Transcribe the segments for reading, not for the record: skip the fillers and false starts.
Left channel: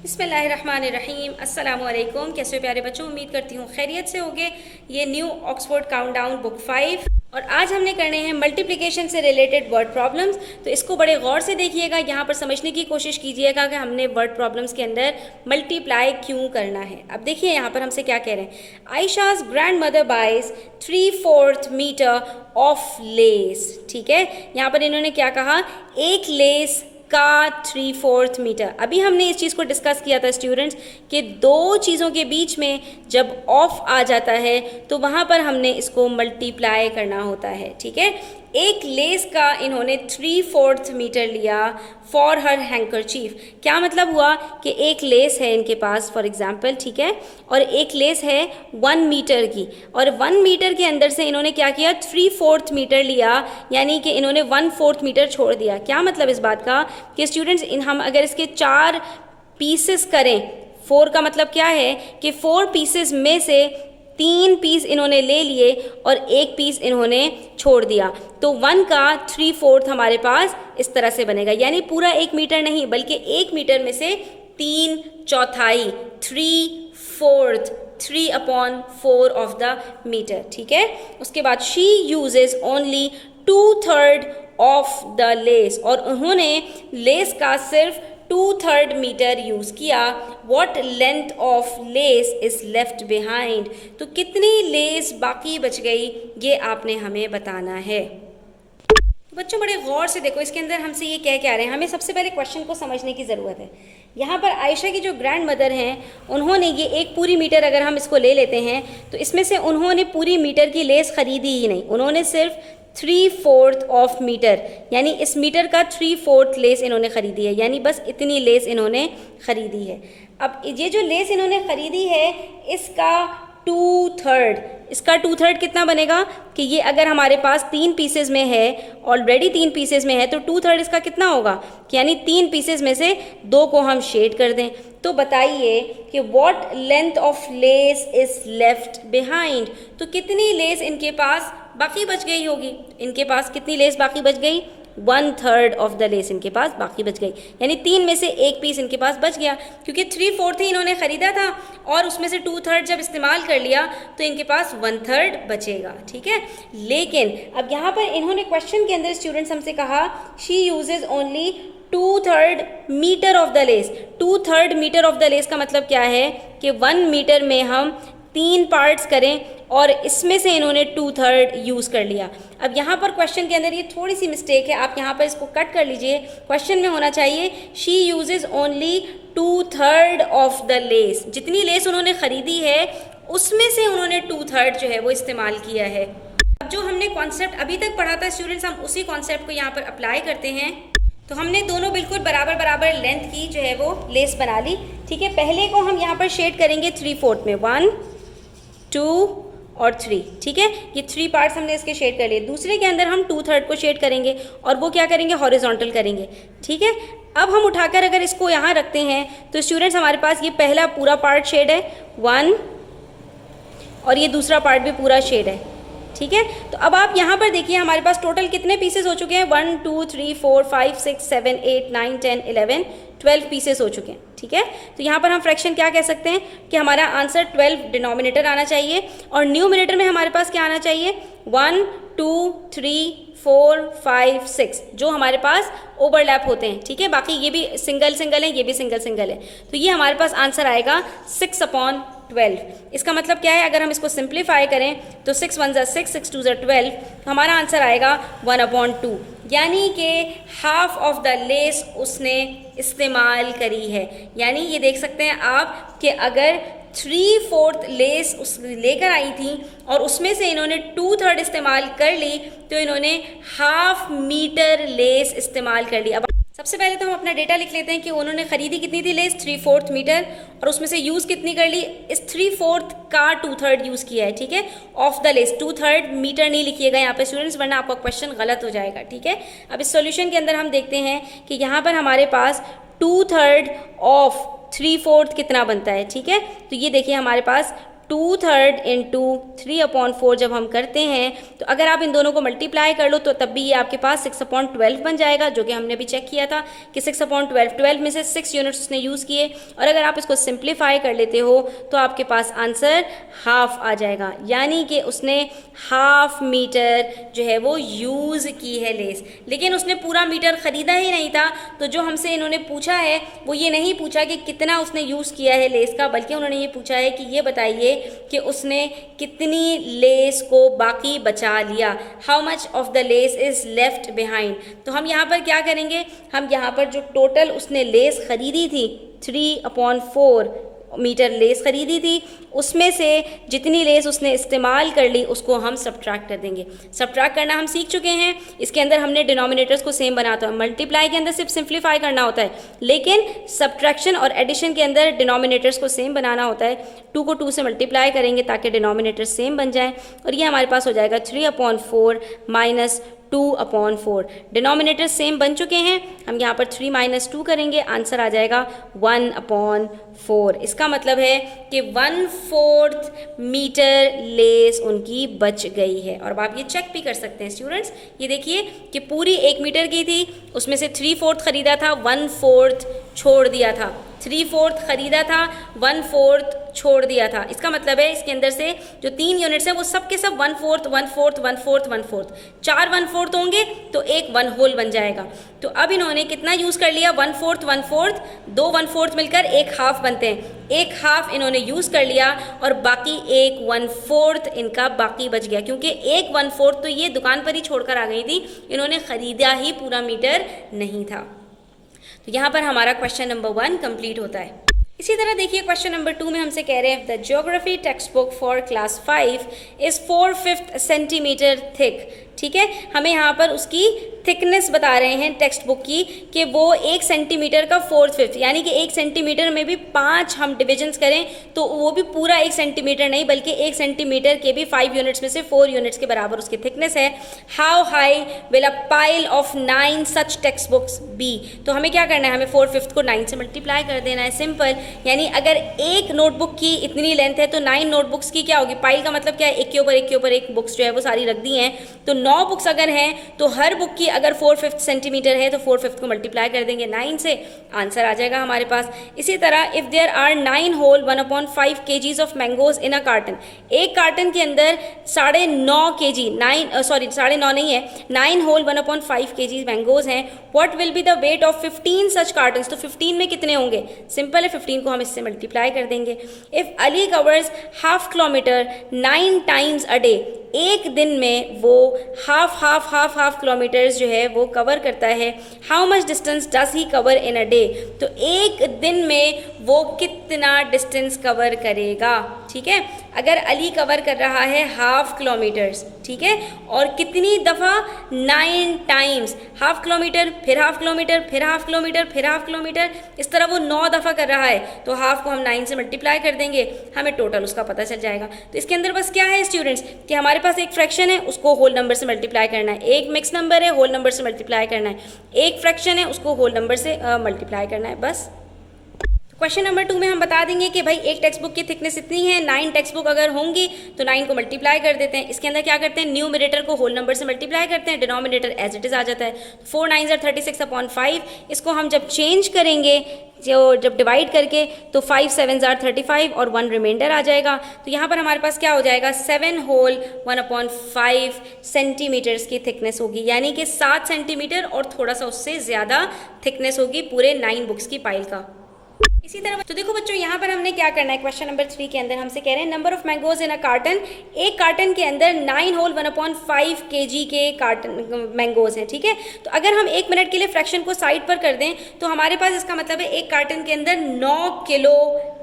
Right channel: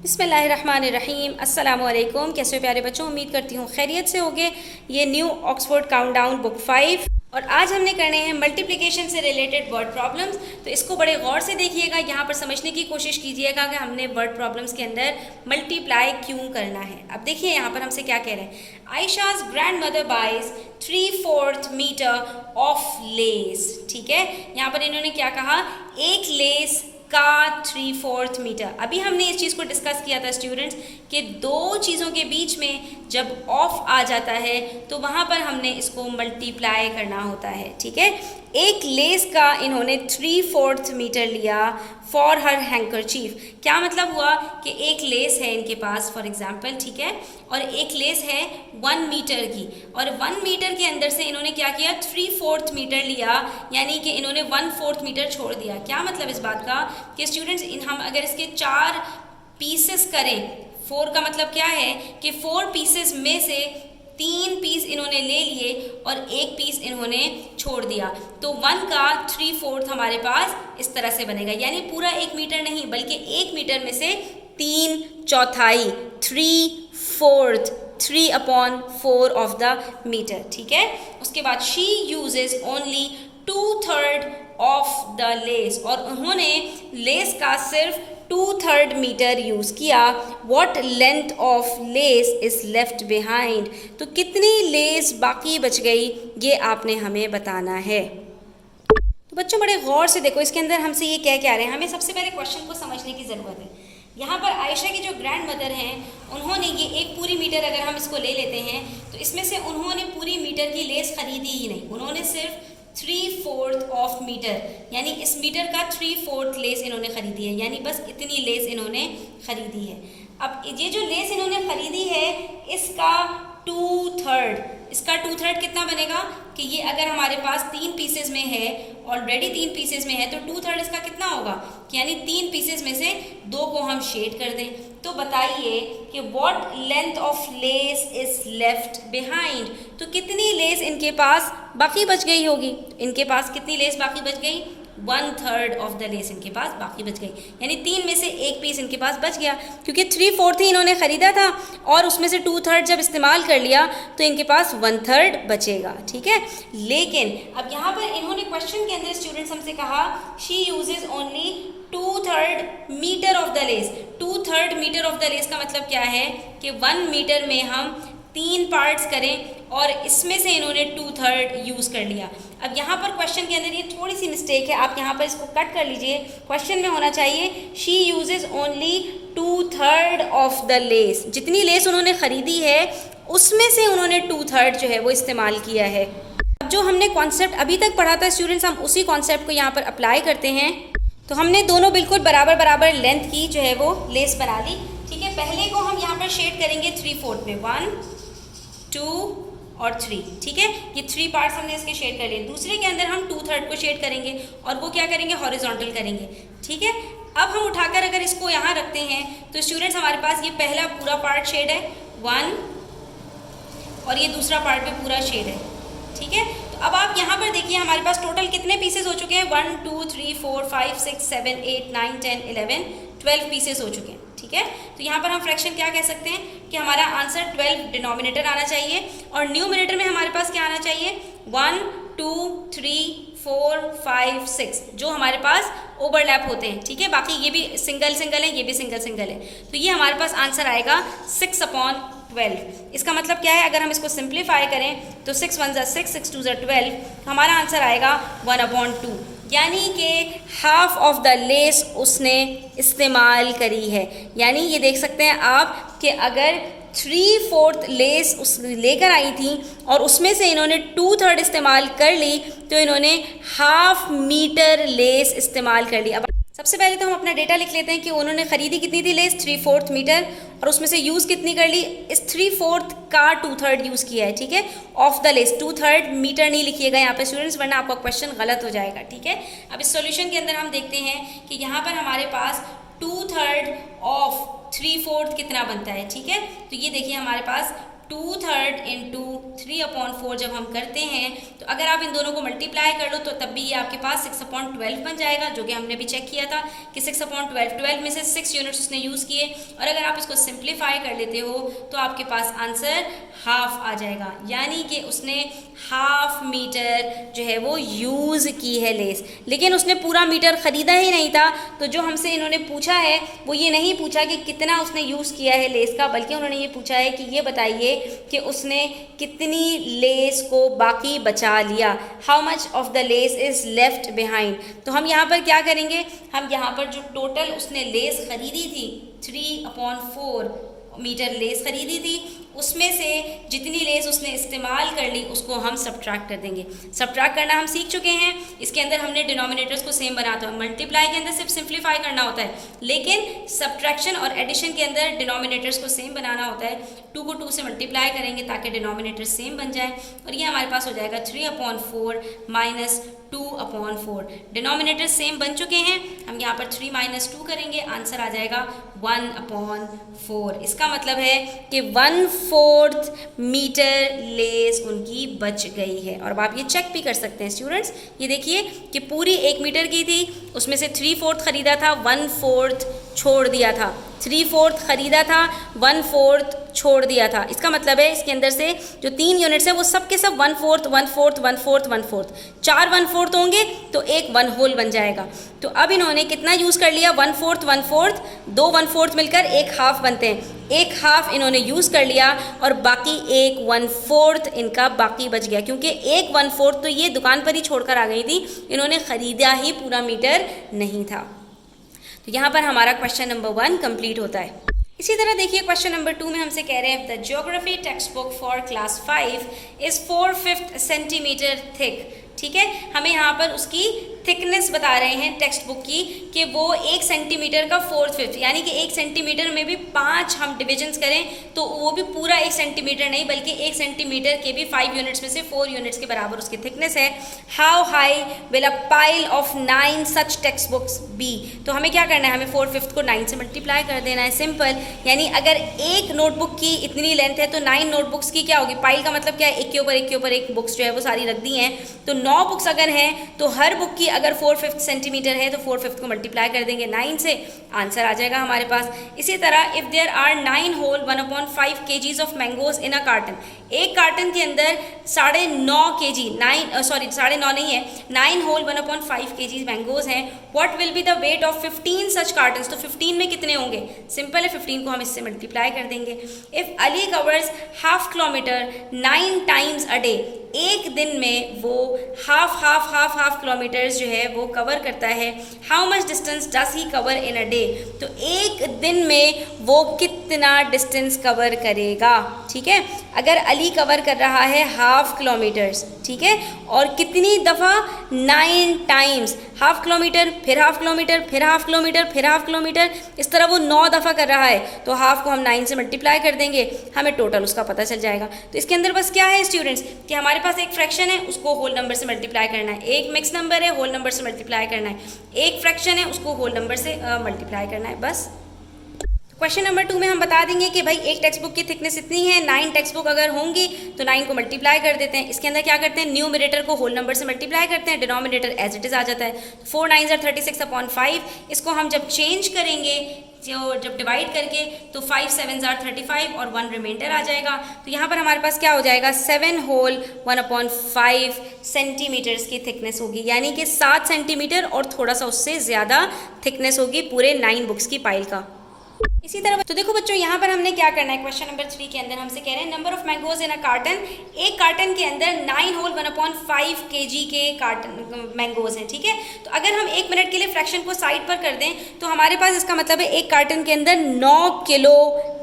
बिस्मिल्लाहिर्रहमानिर्रहीम अस्सलामु अलैकुम। कैसे हो प्यारे बच्चों, उम्मीद करती हूँ खैरियत से होगे। ये न्यू ऑक्सफोर्ड काउंटडाउन बुक 5 और आज हमने करने हैं मल्टीप्लिकेशन से रिलेटेड वर्ड प्रॉब्लम्स। तो इसको बड़े गौर से देखिएगा, यहाँ पर समझने की कोशिश कीजिएगा कि हमने वर्ड प्रॉब्लम्स के अंदर मल्टीप्लाई क्यों करना है। अब देखिए यहाँ पर हमसे क्या कह रहे हैं। Ayesha's grandmother buys 3/4 metre of lace. ठीक है, यहाँ पर इन्होंने क्या कहा, एक लेस का 3/4 मीटर। अभी हमने इस चीज़ को डिस्कस किया था स्टूडेंट्स कि दो चीज़ों के बीच में जब ऑफ आ जाता है तो वहाँ पर हमने इसको मल्टीप्लाई करना होता है। ठीक है, एक लेस का इन्होंने 3/4 मीटर लिया फॉर हर हैंकरचीफ। क्या मतलब हुआ कि एक लेस है इनके पास फॉर एग्जांपल, ठीक है, और एक लेस है 1 मीटर की, और 1 मीटर के अंदर से इन्होंने क्या किया, 3/4 मीटर लिया, यानी कि इन्होंने 1/4 मीटर छोड़ दिया। क्या मतलब इस बात का कि स्टूडेंट्स हम अगर इसके 4 पीसेस करें, 4 का मतलब क्या है कि 4 पीसेस में से 3 पीस इन्होंने ले लिए और एक पीस इन्होंने छोड़ दिया, तो 1 का 3/4 हमारे पास इस तरह से बनेगा। यानी पूरा 1 मीटर नहीं बल्कि 1 मीटर में से 3/4, 3/4, 3/4 ऑफ द मीटर। ठीक है, उसके बाद she uses only 2/3 of the lace, और उन्होंने लेस का सिर्फ 2/3 मीटर यूज़ किया। What length of lace is left behind, तो कितनी लेस बाकी बच गई ये आपने हमें बताना है। तो बच्चों बड़े गौर से देखो, इसके अंदर हमसे ये कह रहे हैं, हमें सबसे पहले क्वेश्चन को समझने की ज़रूरत है। यहाँ पर आयशा की जो ग्रैंड मदर हैं उन्होंने ये एक पूरी मीटर अगर हम इसको ले लेते हैं तो इसमें से उन्होंने पूरी मीटर की लेस खरीदी ही नहीं, उन्होंने सिर्फ 3/4 ऑफ मीटर, यानी इस मीटर का 3/4 लेस इन्होंने खरीदी है, यानी बस इतनी लेस इन्होंने खरीदी है। अब ये जो लेस इन्होंने खरीदी है इसका 2/3, इसका 2/3 कितना बनेगा कि ये अगर हमारे पास 3 पीसेज में है, ऑलरेडी 3 पीसेज में है, तो 2/3 इसका कितना होगा कि यानी 3 पीसेज में से 2 को हम शेड कर दें। तो बताइए कि what length of less is left behind, तो कितनी लेस इनके पास बाकी बच गई होगी। इनके पास कितनी लेस बाकी बच गई, 1/3 ऑफ द लेस इनके पास बाकी बच गई, यानी 3 में से 1 पीस इनके पास बच गया, क्योंकि 3/4 ही इन्होंने ख़रीदा था और उसमें से 2/3 जब इस्तेमाल कर लिया तो इनके पास 1/3 बचेगा। ठीक है, लेकिन अब यहाँ पर इन्होंने क्वेश्चन के अंदर स्टूडेंट्स हमसे कहा she uses only 2/3 metre of the lace. 2/3 metre of the lace का मतलब क्या है कि 1 मीटर में हम 3 पार्ट्स करें और इसमें से इन्होंने 2/3 यूज़ कर लिया। अब यहाँ पर क्वेश्चन के अंदर ये थोड़ी सी मिस्टेक है, आप यहाँ पर इसको कट कर लीजिए। क्वेश्चन में होना चाहिए she uses only 2/3 of the lace, जितनी लेस उन्होंने ख़रीदी है उसमें से उन्होंने 2/3 जो है वो इस्तेमाल किया है। अब जो हमने कॉन्सेप्ट अभी तक पढ़ा था स्टूडेंट्स, हम उसी कॉन्सेप्ट को यहाँ पर अप्लाई करते हैं। तो हमने दोनों बिल्कुल बराबर बराबर लेंथ की जो है वो लेस बना ली। ठीक है, पहले को हम यहाँ पर शेड करेंगे 3/4 में, 1, 2 और 3। ठीक है, ये 3 पार्ट्स हमने इसके शेड कर लिए। दूसरे के अंदर हम 2/3 को शेड करेंगे और वो क्या करेंगे, हॉरिजॉन्टल करेंगे। ठीक है, अब हम उठाकर अगर इसको यहाँ रखते हैं तो स्टूडेंट्स हमारे पास ये पहला पूरा पार्ट शेड है 1, और ये दूसरा पार्ट भी पूरा शेड है। ठीक है, तो अब आप यहाँ पर देखिए हमारे पास टोटल कितने पीसेस हो चुके हैं, 1 2 3 4 5 6 7 8 9 10 11 12 पीसेस हो चुके हैं। ठीक है, तो यहाँ पर हम फ्रैक्शन क्या कह सकते हैं कि हमारा आंसर 12 डिनोमिनेटर आना चाहिए और न्यूमिनेटर में हमारे पास क्या आना चाहिए, 1 2 3 4 5 6 जो हमारे पास ओवरलैप होते हैं। ठीक है, बाकी ये भी सिंगल सिंगल है, ये भी सिंगल सिंगल है, तो ये हमारे पास आंसर आएगा 6/12। इसका मतलब क्या है, अगर हम इसको सिंप्लीफाई करें तो 6 1 ज़ा 6, 6 2 ज़ा 12, हमारा आंसर आएगा 1/2, यानी कि हाफ ऑफ द लेस उसने इस्तेमाल करी है। यानी ये देख सकते हैं आप कि अगर 3/4 लेस उस लेकर आई थी और उसमें से इन्होंने 2/3 इस्तेमाल कर ली, तो इन्होंने हाफ मीटर लेस इस्तेमाल कर ली। अब सबसे पहले तो हम अपना डेटा लिख लेते हैं कि उन्होंने ख़रीदी कितनी थी लेस, 3/4 मीटर, और उसमें से यूज़ कितनी कर ली, इस 3/4 का 2/3 यूज़ किया है। ठीक है, ऑफ द लेस, 2/3 मीटर नहीं लिखिएगा यहाँ पे स्टूडेंट्स, वरना आपका क्वेश्चन गलत हो जाएगा। ठीक है, अब इस सॉल्यूशन के अंदर हम देखते हैं कि यहाँ पर हमारे पास 2/3 ऑफ 3/4 कितना बनता है। ठीक है, तो ये देखिए हमारे पास 2/3 इंटू 3/4 जब हम करते हैं तो अगर आप इन दोनों को मल्टीप्लाई कर लो तो तब भी ये आपके पास 6/12 बन जाएगा, जो कि हमने भी चेक किया था कि 6/12, 12 में से 6 यूनिट्स उसने यूज़ किए। और अगर आप इसको सिंप्लीफाई कर लेते हो तो आपके पास आंसर हाफ आ जाएगा, यानी कि उसने हाफ मीटर जो है वो यूज़ की है लेस। लेकिन उसने पूरा मीटर ख़रीदा ही नहीं था, तो जो हमसे इन्होंने पूछा है वो ये नहीं पूछा कि कितना उसने यूज़ किया है लेस का, बल्कि उन्होंने ये पूछा है कि ये बताइए कि उसने कितनी लेस को बाकी बचा लिया, how much of the less is left behind. तो हम यहाँ पर क्या करेंगे, हम यहाँ पर जो टोटल उसने लेस ख़रीदी थी 3/4 मीटर लेस ख़रीदी थी, उसमें से जितनी लेस उसने इस्तेमाल कर ली उसको हम सब्ट्रैक्ट कर देंगे। सब्ट्रैक्ट करना हम सीख चुके हैं, इसके अंदर हमने डिनोमिनेटर्स को सेम बनाता है, मल्टीप्लाई के अंदर सिर्फ सिंप्लीफाई करना होता है, लेकिन सब्ट्रैक्शन और एडिशन के अंदर डिनोमिनेटर्स को सेम बनाना होता है। 2 को 2 से मल्टीप्लाई करेंगे ताकि डिनोमिनेटर सेम बन जाए, और ये हमारे पास हो जाएगा 3/4 माइनस 2/4। डिनोमिनेटर सेम बन चुके हैं, हम यहाँ पर 3 - 2 करेंगे, आंसर आ जाएगा 1/4। इसका मतलब है कि 1/4 मीटर लेस उनकी बच गई है। और अब आप ये चेक भी कर सकते हैं स्टूडेंट्स, ये देखिए कि पूरी 1 मीटर की थी, उसमें से 3/4 ख़रीदा था, 1/4 छोड़ दिया था, 3/4 ख़रीदा था, 1/4 छोड़ दिया था। इसका मतलब है इसके अंदर से जो 3 यूनिट्स हैं वो सब के सब 1/4 1/4 1/4 1/4, 4 1/4 होंगे तो एक 1 होल बन जाएगा। तो अब इन्होंने कितना यूज़ कर लिया, 1/4 1/4, 2 1/4 मिलकर एक हाफ बनते हैं, एक हाफ इन्होंने यूज़ कर लिया और बाकी एक 1/4 इनका बाकी बच गया, क्योंकि एक 1/4 तो ये दुकान पर ही छोड़कर आ गई थी, इन्होंने ख़रीदा ही पूरा मीटर नहीं था। तो यहाँ पर हमारा क्वेश्चन नंबर 1 कंप्लीट होता है। इसी तरह देखिए क्वेश्चन नंबर 2 में हमसे कह रहे हैं the geography text book for class 5 is 4/5 centimetre thick. ठीक है, हमें यहाँ पर उसकी थिकनेस बता रहे हैं टेक्स्ट बुक की कि वो 1 सेंटीमीटर का 4/5, यानी कि 1 सेंटीमीटर में भी 5 हम डिविजन्स करें तो वो भी पूरा 1 सेंटीमीटर नहीं, बल्कि 1 सेंटीमीटर के भी 5 यूनिट्स में से 4 यूनिट्स के बराबर उसकी थिकनेस है। How high will a pile of 9 such text books be. तो हमें क्या करना है, हमें 4/5 को 9 से मल्टीप्लाई कर देना है, सिंपल। यानी अगर एक नोटबुक की इतनी लेंथ है तो 9 नोटबुक्स की क्या होगी, पाइल का मतलब क्या है, एक के ऊपर एक के ऊपर एक बुक्स जो है वो सारी रख दी हैं। तो 9 बुक्स अगर हैं तो हर बुक की अगर 4/5 सेंटीमीटर है तो 4/5 को मल्टीप्लाई कर देंगे 9 से, आंसर आ जाएगा हमारे पास। इसी तरह if there are 9 whole 1/5 kgs of mangoes in a carton, एक कार्टन के अंदर 9.5 kg 9.5 नहीं है, 9 होल 1/5 kg मैंगोज हैं, what will be the weight of 15 such cartons. तो 15 में कितने होंगे, सिंपल है, 15 को हम इससे मल्टीप्लाई कर देंगे। If Ali covers half kilometre 9 times a day, एक दिन में वो हाफ किलोमीटर्स जो है वो कवर करता है, how much distance does he cover in a day. तो एक दिन में वो कितना डिस्टेंस कवर करेगा। ठीक है, अगर अली कवर कर रहा है हाफ किलोमीटर्स, ठीक है, और कितनी दफ़ा, 9 टाइम्स, हाफ किलोमीटर फिर हाफ किलोमीटर फिर हाफ किलोमीटर फिर हाफ किलोमीटर, इस तरह वो 9 दफ़ा कर रहा है। तो हाफ को हम 9 से मल्टीप्लाई कर देंगे, हमें टोटल उसका पता चल जाएगा। तो इसके अंदर बस क्या है स्टूडेंट्स कि हमारे पास एक फ्रैक्शन है, उसको होल नंबर से मल्टीप्लाई करना है, एक मिक्स नंबर है, होल नंबर से मल्टीप्लाई करना है, एक फ्रैक्शन है, उसको होल नंबर से मल्टीप्लाई करना है, बस। क्वेश्चन नंबर 2 में हम बता देंगे कि भाई एक टेक्स्ट बुक की थिकनेस इतनी है, 9 टेक्स्ट बुक अगर होंगी तो 9 को मल्टीप्लाई कर देते हैं। इसके अंदर क्या करते हैं, न्यूमरेटर को होल नंबर से मल्टीप्लाई करते हैं, डिनोमिनेटर एज इट इज़ आ जाता है। 4 9s are 36/5, इसको हम जब चेंज करेंगे जब डिवाइड करके तो 5 7s are 35 और 1 रिमाइंडर आ जाएगा। तो यहाँ पर हमारे पास क्या हो जाएगा, 7 होल 1/5 सेंटीमीटर्स की थिकनेस होगी, यानी कि 7 सेंटीमीटर और थोड़ा सा उससे ज़्यादा थिकनेस होगी पूरे 9 बुक्स की पाइल का। इसी तरह तो देखो बच्चों यहाँ पर हमने क्या करना है, क्वेश्चन नंबर 3 के अंदर हमसे कह रहे हैं number of mangoes in a carton, एक कार्टन के अंदर 9 होल 1/5 kg के कार्टन मैंगोज हैं। ठीक है, तो अगर हम 1 मिनट के लिए फ्रैक्शन को साइड पर कर दें तो हमारे पास इसका मतलब है एक कार्टन के अंदर 9 किलो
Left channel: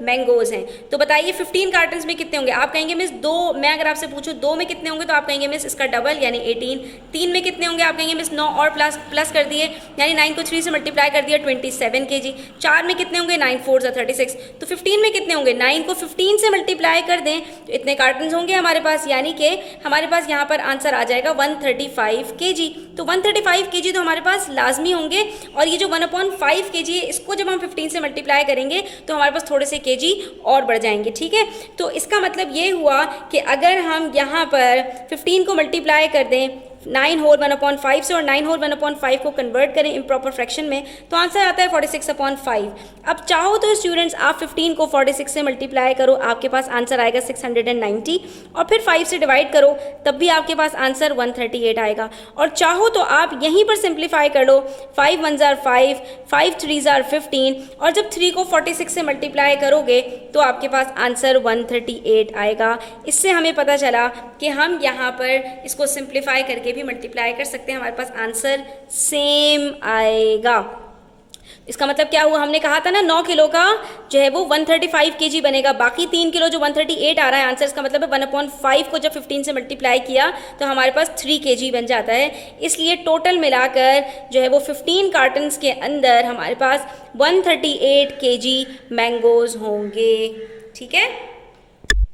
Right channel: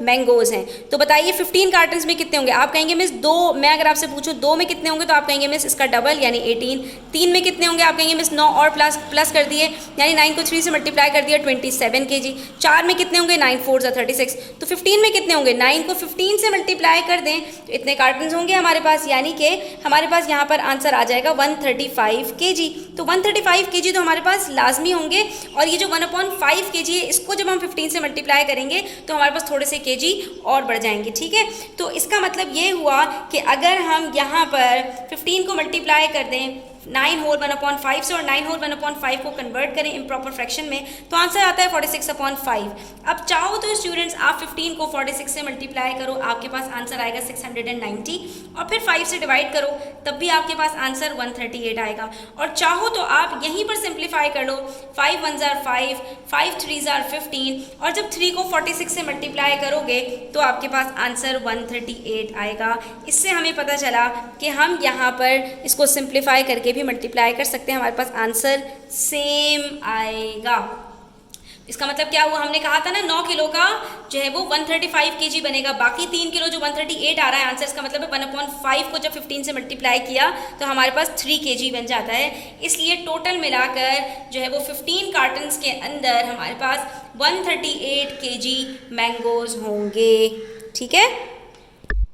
मैंगोज हैं। तो बताइए 15 कार्टन में कितने होंगे। आप कहेंगे मिस 2, मैं अगर आपसे पूछूँ 2 में कितने होंगे तो आप कहेंगे मिस इसका डबल यानी 18। 3 में कितने होंगे, आप कहेंगे मिस 9 और प्लस कर दिए, यानी 9 को 3 से मल्टीप्लाई कर दिया 27 kg। 4 में कितने होंगे, 9 4 36, तो 15 में कितने होंगे, 9 को 15 से मल्टीप्लाई कर दें तो इतने कार्टन होंगे हमारे पास, यानी कि हमारे पास यहाँ पर आंसर आ जाएगा 135 kg। तो 135 kg तो हमारे पास लाजमी होंगे, और ये जो 1/5 kg है इसको जब हम 15 से मल्टीप्लाई करेंगे तो हमारे पास थोड़े से kg और बढ़ जाएंगे, ठीक है। तो इसका मतलब ये हुआ कि अगर हम यहाँ पर 15 को मल्टीप्लाई कर दें 9 होल 1/5 से और 9 होल 1/5 को कन्वर्ट करें इम्प्रॉपर फ्रैक्शन में, तो आंसर आता है 46/5। अब चाहो तो स्टूडेंट्स आप 15 को 46 से मल्टीप्लाई करो, आपके पास आंसर आएगा 690, और फिर 5 से डिवाइड करो तब भी आपके पास आंसर 138 आएगा। और चाहो तो आप यहीं पर सिंप्लीफाई कर लो, 5 1s are 5, 5 3s are 15, और जब 3 को 46 से मल्टीप्लाई करोगे तो आपके पास आंसर 138 आएगा। इससे हमें पता चला कि हम यहाँ पर इसको सिंप्लीफाई करके भी मल्टीप्लाई कर सकते हैं, हमारे पास आंसर सेम आएगा। इसका मतलब क्या हुआ, हमने कहा था ना 9 किलो का जो है वो 135 kg बनेगा, बाकी 3 किलो जो 138 आ रहा है आंसर, इसका मतलब है 1/5 को जब 15 से मल्टीप्लाई किया तो हमारे पास 3 kg बन जाता है। इसलिए टोटल मिलाकर जो है वो 15 कार्टन्स के अंदर हमारे पास 138 kg मैंगोज होंगे, ठीक है।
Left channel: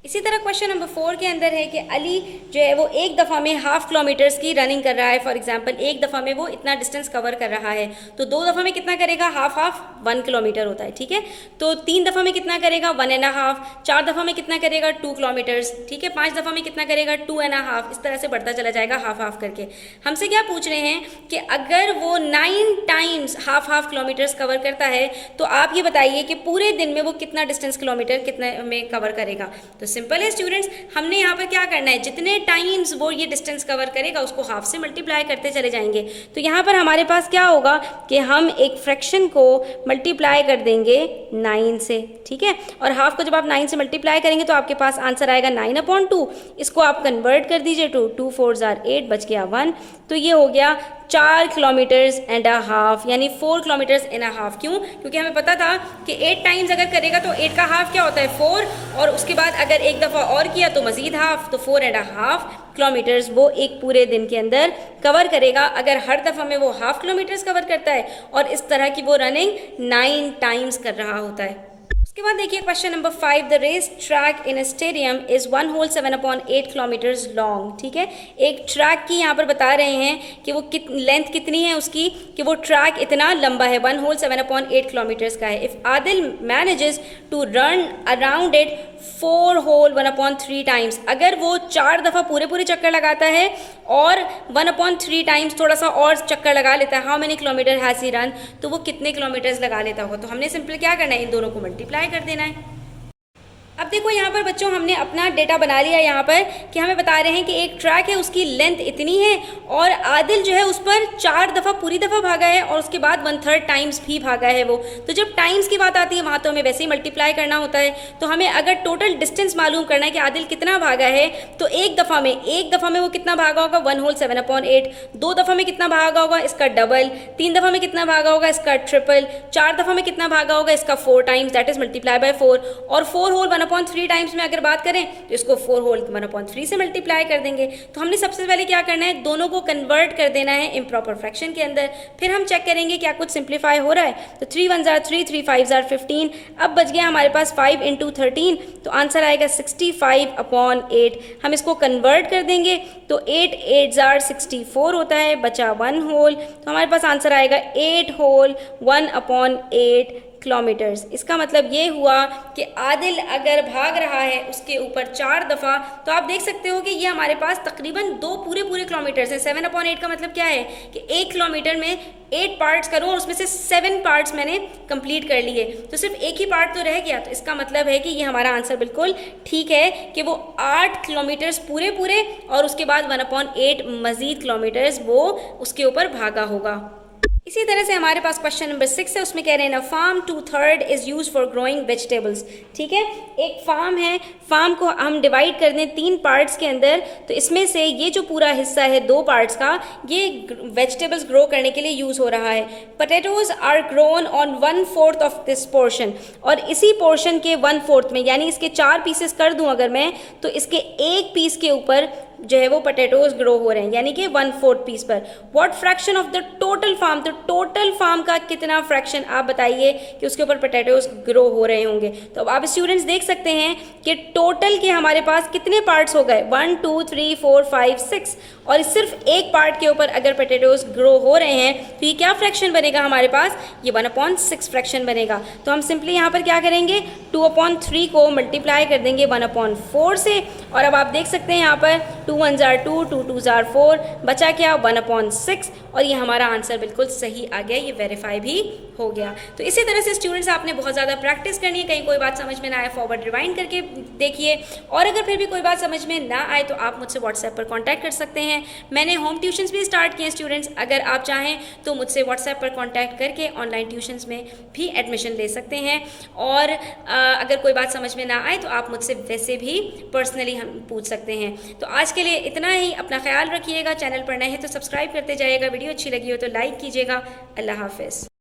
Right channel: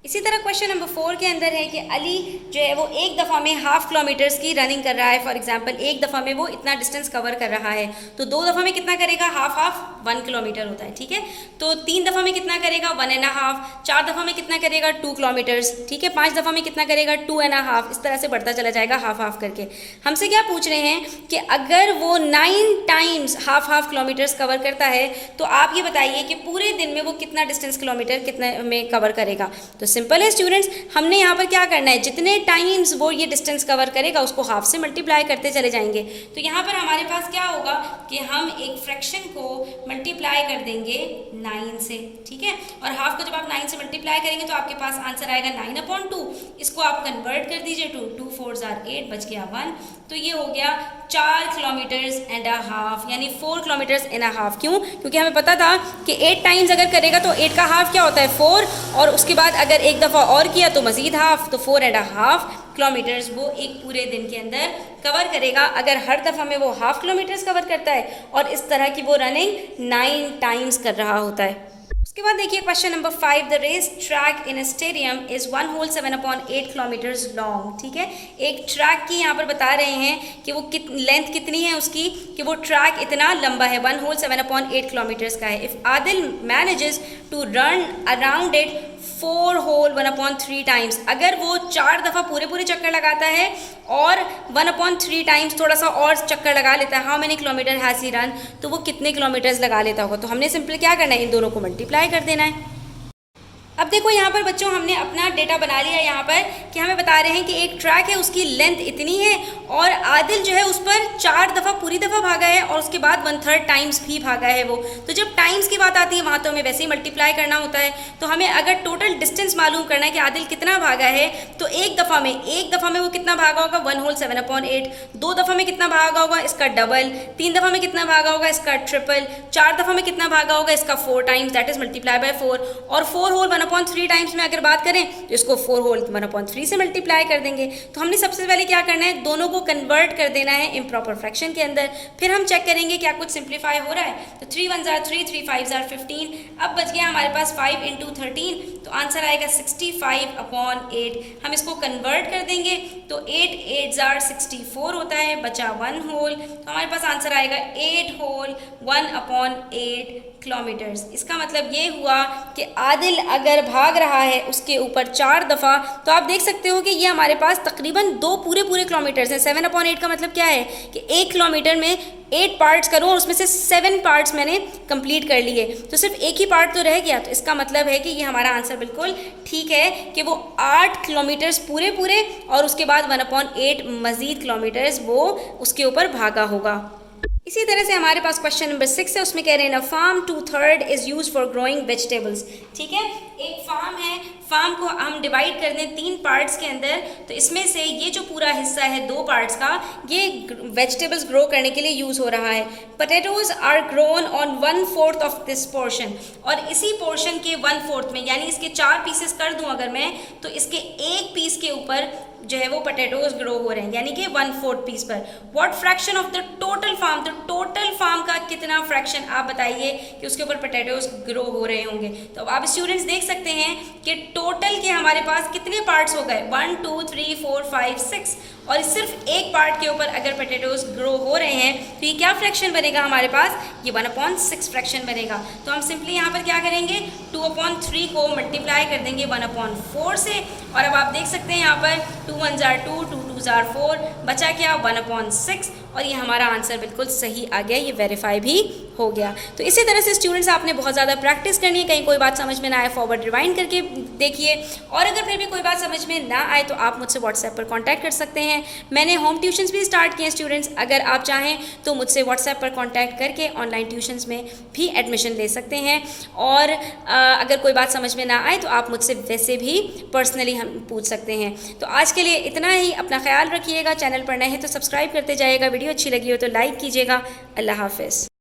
इसी तरह क्वेश्चन नंबर 4 के अंदर है कि अली जो है वो एक दफ़ा में 1/2 किलोमीटर्स की रनिंग कर रहा है। फॉर एग्जांपल एक दफ़ा में वो इतना डिस्टेंस कवर कर रहा है, तो 2 दफ़ा में कितना करेगा, हाफ 1 किलोमीटर होता है, ठीक है। तो 3 दफ़ा में कितना करेगा, 1.5, 4 दफ़ा में कितना करेगा, 2 किलोमीटर्स, ठीक है। 5 दफ़ा में कितना करेगा, 2.5, इस तरह से बढ़ता चला जाएगा हाफ करके। हमसे क्या पूछ रहे हैं कि अगर वो 9 टाइम्स हाफ किलोमीटर्स कवर करता है तो आप ये बताइए कि पूरे दिन में वो कितना डिस्टेंस किलोमीटर कितने में कवर करेगा। तो सिंपल है स्टूडेंट्स, हमने यहाँ पर क्या करना है, जितने टाइम्स वो ये डिस्टेंस कवर करेगा उसको हाफ से मल्टीप्लाई करते चले जाएंगे। तो यहाँ पर हमारे पास क्या होगा कि हम एक फ्रैक्शन को मल्टीप्लाई कर देंगे 9 से, ठीक है। और हाफ को जब आप 9 से मल्टीप्लाई करेंगे तो आपके पास आंसर आएगा 9/2। इसको आप कन्वर्ट कर दीजिए टू 2 4s are 8, बच गया 1। तो ये हो गया 4 किलोमीटर्स एंड अ हाफ, यानी 4 किलोमीटर्स एंड अ हाफ। क्यों? क्योंकि हमें पता था कि 8 टाइम्स अगर करेगा तो 8 का हाफ क्या होता है, 4, और उसके बाद अगर एक दफ़ा और किया तो मज़ीद हाफ, तो 4.5 किलोमीटर्स वो एक पूरे दिन के अंदर कवर करेगा अगर हर दफ़ा में वो हाफ किलोमीटर्स कवर करता है और इस तरह की वो रनिंग 9 टाइम्स कर रहा होता है। उसके बाद देखिए question number 5, the race track in a stadium is 1 whole 7/8 kilometres long, ठीक है। एक ट्रैक की यहाँ पर बता रहे हैं कि वो लेंथ कितनी है उसकी, कि वो ट्रैक इतना लंबा है, 1 होल 7/8 किलोमीटर्स का है। If Adil manages to run around it 4 whole 1/3 times, अगर वो 4 दफ़ा पूरे चक्कर लगाता है और 1/3 टाइम्स थोड़ा सा और चक्कर लगा लेता है, how many kilometre has he run, तो वो कितने किलोमीटर्स लगा लेता होगा। तो हमने सिंपल क्या करना है, इन दोनों को मल्टीप्लाई कर देना है। अब देखो यहाँ पर बच्चों हमने अपना डेटा बना लिया यहाँ पर कि हमें बता रहे हैं कि एक ट्रैक है उसकी लेंथ इतनी है और आदिल जो है उस पर 4 दफ़ा पूरी दफ़ा भागा है और उसके बाद 1/3 टाइम्स भी भागा है वो। तो जब टाइम्स की बात आती है वहाँ तो हमें वैसे ही मल्टीप्लाई करना होता है। तो हमें अगर टोटल डिस्टेंस मालूम करना है कि आदिल कितना भागा है, तो एक दफ़ा में वो कितना भागा होगा, 1 होल 7/8। 2 दफ़ा में कितना भागा होगा, इसका डबल। 3 दफ़ा में कितना भागा होगा, इसका ट्रिपल। 4 दफ़ा में कितना भागा होगा, इसका 4 times, that is multiply by 4। और 4 होल 1/3 टाइम्स में अगर बात करें तो इसको 4 होल 1/3 से मल्टीप्लाई कर देंगे। तो हमने सबसे पहले क्या करना है, दोनों को कन्वर्ट कर देना है इम्प्रॉपर फ्रैक्शन के अंदर। फिर हम चेक करेंगे क्या कुछ सिंप्लीफाई हो रहा है। तो 3 1s are 3, 3 5s are 15। अब बच गया हमारे पास 5 × 13, तो आंसर आएगा 65/8। हम इसको कन्वर्ट कर देंगे तो 8 8s are 64 होता है, बचा 1 होल, तो हमारे पास आंसर आएगा 8 होल 1/8 किलोमीटर्स। इसका मतलब ये हुआ कि आदिल अगर भाग रहा है उसके ऊपर 4 दफ़ा, तो आप देख सकते हो कि ये हमारे पास तकरीबन 2 पूरे किलोमीटर्स हैं। 7/8 का मतलब क्या है कि 1 किलोमीटर में 8 पार्ट्स करूँ और उसमें से 7 पार्ट्स मैंने कंप्लीट कर लिए, तो सिर्फ एक ही पार्ट तो रह गया। तो इसका मतलब है कि ये हमारा आंसर बिल्कुल ठीक है कि वो 8 किलोमीटर्स पूरे और उसके बाद 1/8 मज़ीद किलोमीटर्स वो उसके ऊपर भागा होगा। इसी तरह से हमारे पास क्वेश्चन नंबर 6 है, उसमें कह रहे हैं ना farm 2/3 is use for growing vegetables, ठीक है। एक फार्म है, फार्म को हम डिवाइड कर दें 3 पार्ट्स के अंदर, तो इसमें से ये जो पूरा हिस्सा है 2 पार्ट्स का, ये वेजिटेबल्स ग्रो करने के लिए यूज़ हो रहा है। Potatoes are grown on 1/4 of this portion, और इसी पोर्शन के 1/4 में, यानी इसके 4 पीसेस कर दूं अगर मैं, तो इसके एक पीस के ऊपर जो है वो पोटैटोज ग्रो हो रहे हैं, यानी कि 1/4 पीस पर। What fraction of the total farm, तो टोटल फार्म का कितना फ्रैक्शन आप बताइए कि उसके ऊपर पोटैटोज ग्रो हो रहे होंगे। तो अब आप स्टूडेंट्स देख सकते हैं कि टोटल के हमारे पास कितने पार्ट्स हो गए, 1 2 3 4 5 6, और सिर्फ एक पार्ट के ऊपर अगर पोटैटोज ग्रो हो रहे हैं तो ये क्या फ्रैक्शन बनेगा हमारे पास, ये 1/6 फ्रैक्शन बनेगा। तो हम सिंपली यहाँ पर क्या करेंगे, 2/3 को मल्टीप्लाई कर देंगे 1/4 से, और अब आप देख सकते हैं यहाँ पर 2 1 जार 2, 2 2 जार 4, बचा क्या 1/6, और ये हमारा आंसर बिल्कुल सही आ गया, ये वेरीफाई भी हो गया। तो इसी तरह से स्टूडेंट्स आपने बहुत ज़्यादा प्रैक्टिस करनी है, कहीं कोई बात समझ में ना आए फॉरवर्ड रिवाइंड करके देखिए, और अगर फिर भी कोई बात समझ में ना आए तो आप मुझसे व्हाट्सएप पर कॉन्टैक्ट कर सकते हैं। मैंने होम ट्यूशन्स भी स्टार्ट किए हैं स्टूडेंट्स, अगर आप चाहें तो मुझसे व्हाट्सएप पर कॉन्टैक्ट करके ऑनलाइन ट्यूशन्स में भी एडमिशन ले सकते हैं, और अगर कोई बात समझ में ना आए तो आप मुझसे वैसे भी पर्सनली हम पूछ सकते हैं। तो आज के लिए इतना ही, अपना ख्याल रखिएगा, चैनल पर नए हैं तो सब्सक्राइब करते जाइएगा, वीडियो अच्छी लगी हो तो लाइक कीजिएगा। अल्लाह हाफ़िज़।